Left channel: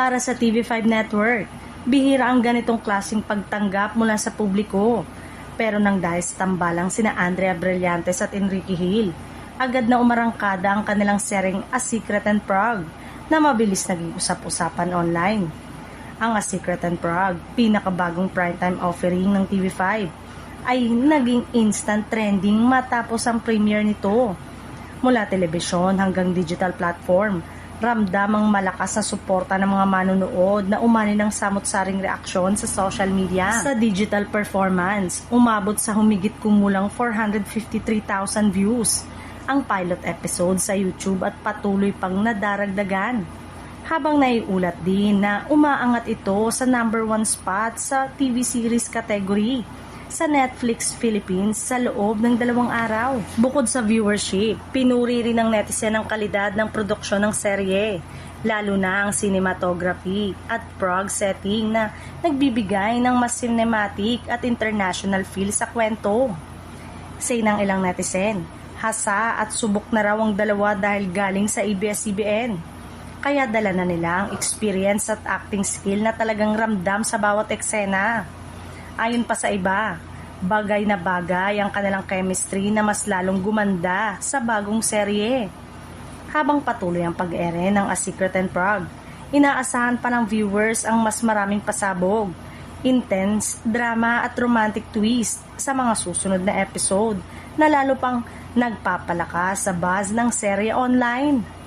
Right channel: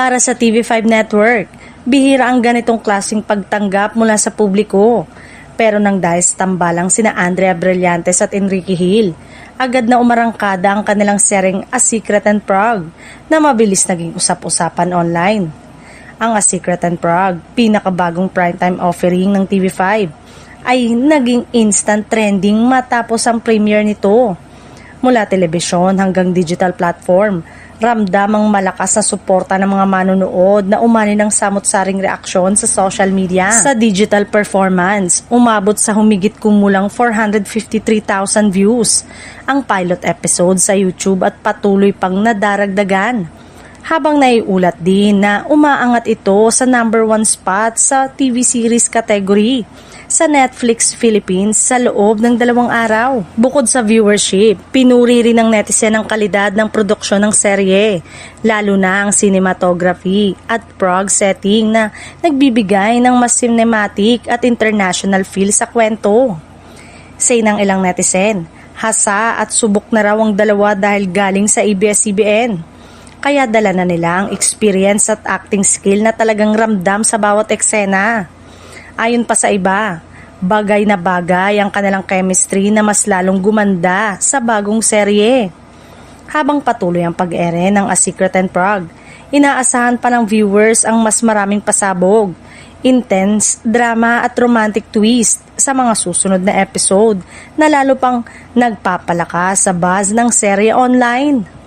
Para sa TV5 Network, bihira ang ganitong klaseng pagtanggap mula sa publiko. Pero nang dahil sa tambalang sina Andrea Brillantes at Enrique Hill, agad na umarangkada ang kanilang seryeng A Secret and Prague na mabilis naging usap-usapan online. Ang A Secret and Prague, pinakabagong primetime offering ng TV5, ay naging instant trending matapos ang premiere nito. Mula telebisyon hanggang digital platform, ramdam ang malakas na suporta ng mga manonood na umani ng samot-saring reaksyon sa social media. Sa digital performance, umabot sa humigit kumulang 453,000 views ang pilot episode sa YouTube at patuloy pang nadaragdagan. Habang naiulat din na umaangat ito sa number 1 spot sa TV series category sa Netflix Philippines sa loob ng 2 araw. Bukod sa viewership, pinuri rin ng netizen ang kalidad ng produksyon ng serye, lalo na ang cinematography at Prague setting na nagbibigay ng mas cinematic at international feel sa kwento. Say ng ilang netizen, hasa at subok na raw ang dalawa dahil galing sa ABS-CBN. Kaya dala na nila ang experience at acting skill na talagang ramdam sa bawat eksena. Ayon pa sa iba, bagay na bagay ang kanilang chemistry na mas lalong gumanda sa bagong serye. Habang patuloy ang pag-ere ng A Secret and Prague, inaasahan pa ng viewers ang mas maraming pasabog, intense, drama at romantic twist sa mga susunod na episode na lalo pang nagpapalakas sa buzz ng serye online.